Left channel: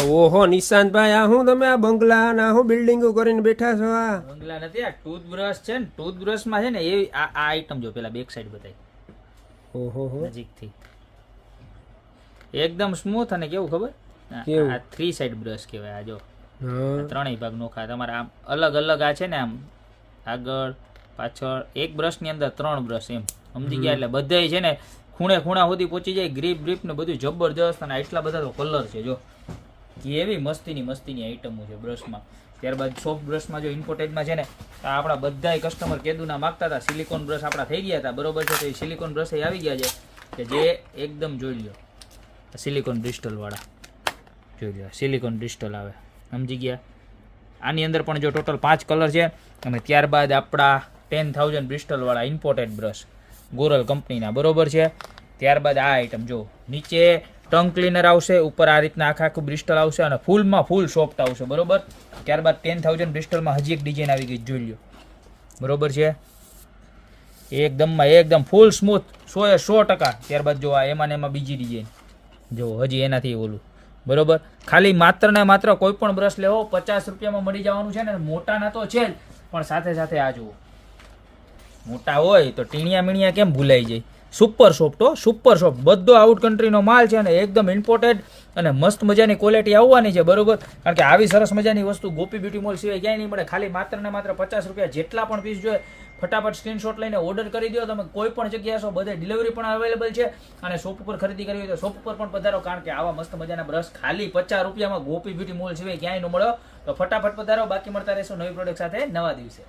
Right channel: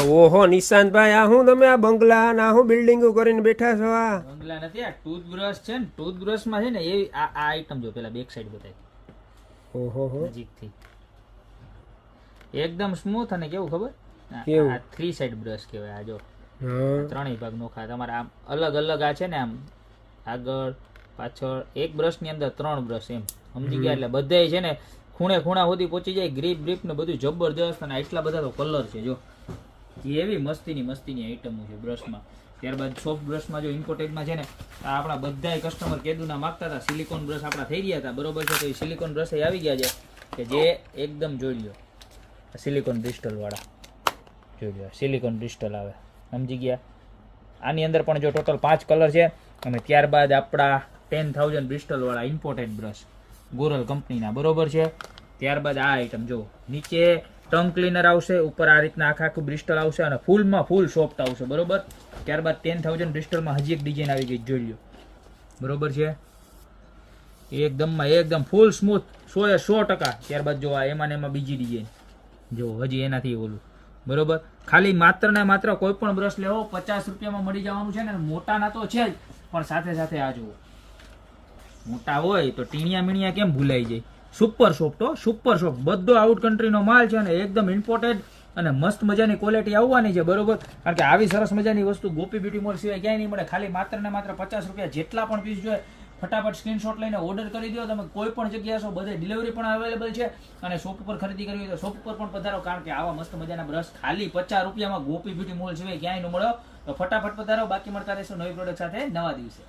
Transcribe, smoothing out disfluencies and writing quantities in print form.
ઓહો નિશાંતભાઈ, આ હું તમે આ બંગલા ના હું બિલ્ડિંગો કરીને બેઠા છો? આ બંગલા નથી, આ ટૂથબ્રશ છે ને. ટૂથબ્રશ માં છે ને એવી આ આઈટમ જો પેલા બેક સાઈડ બતાવી. ઓહો હો, નજીકથી એકદમ સ્મૂથ અને કેવું ખબર, કેવું? આ 3 સાઈડ બ્રશ કહેવાય. આ જો હા ત્રણેય ભાગ નોખા તમારે આમ અલગ અલગ આ છે ને, આમ આગળ પાછળ એક બ્રશ ની અંદર 3 બ્રશ એમ સમજી ગયા. એટલે બધાય છે ને ખૂણે ખૂણા સુધી પહોંચી જાય. ગ્રીપ ને બધું જબરજસ્ત. અને આટલા બધા તો કલર છે જો, એવી મસ્તીની આઈટમો છે બ્રશમાં. ત્યારબાદ સોફ્ટ બ્રશમાં જો ઇમ્પોર્ટેડમાં છે ને, આ આપણા બધાય કસ્ટમર કેદુના માગતા હતા. સિલિકોન બ્રશ આપણા થઈ ગયા હતા, બરોબર છે. તો એ સિલિકોન બ્રશ આવી ગયા છે કે જે એકદમ જોઈ લો, સિલિકોન ક્રિસ્ટલ વાળા જોઈ લો, સિલિકોન ક્રિસ્ટલ આવે સમજી ગયા. આની અંદર પણ જો ટોટલ 5 કલર છે. અને ત્યારબાદ આપણા 10,000 બ્રિસ્ટલ વાળા ઇમ્પોર્ટેડ બ્રશ ગોરલ કંપનીના, બરોબર છે. ત્યારબાદ આ આઈટમ જો, નીચે ટંગ ક્લીનર આવશે, ઉપર આ રીતના આખું બ્રિસ્ટલ આવશે અને ફૂલ સોફ્ટ આવશે, બરોબર. ત્યારબાદ 10,000 બ્રિસ્ટલમાં હજી એક ડિઝાઇન આવી ગઈ, જોઈ લો, બરોબર છે. એકદમ ફૂલ સ્મૂથ 100%. ત્યારબાદ જો આ એમાં બીજી ડિઝાઇન જો, હજી એનાથી ઓલું, બરોબર. ખાલી માત્ર ને માત્ર કોઈ પણ બ્રશ લેવો 50 રૂપિયામાં મળી જવાનું છે ને. મોટાના તો છે જ, પણ સાથે આ જુઓ, મોટા હોય તો ટીણિયા મીણિયા કેમ ભૂલાઈ જાય. સુપર સોફ્ટ, બધો આઉટ કન્ટ્રીનો માલ છે અને એકદમ ઇમ્પોર્ટેડ અને મસ્ત મજાની ક્વોલિટી આવવાની છે, બરોબર. કારણ કે આવી સરસ મજાની વસ્તુ ગોપી બ્યુટી મોલ સિવાય ક્યાંય નહીં મળે. ખાલી માત્ર ને માત્ર 50 રૂપિયા. જેટલા પણ પીસ જોઈએ ફટાફટ સ્ક્રીનશોટ લઈને ઓર્ડર કરી દો. તમે કોઈ પણ જગ્યાએ છો, બધે ડિલિવરી પણ અવેલેબલ છે. અને શોપ ઉપર ખરીદી કરવી હોય તો શોપ ઉપર પણ પધારો. કારણ કે આવા મસ્ત મજાના બ્રશ ખાલી 50 રૂપિયામાં ગોપી બ્યુટી મોલ સિવાય ક્યાંય ન મળો. તો ફટાફટ પધારો. બાકી મળતા રહેશો નવી પ્રોડક્ટ સાથે નવા દિવસે.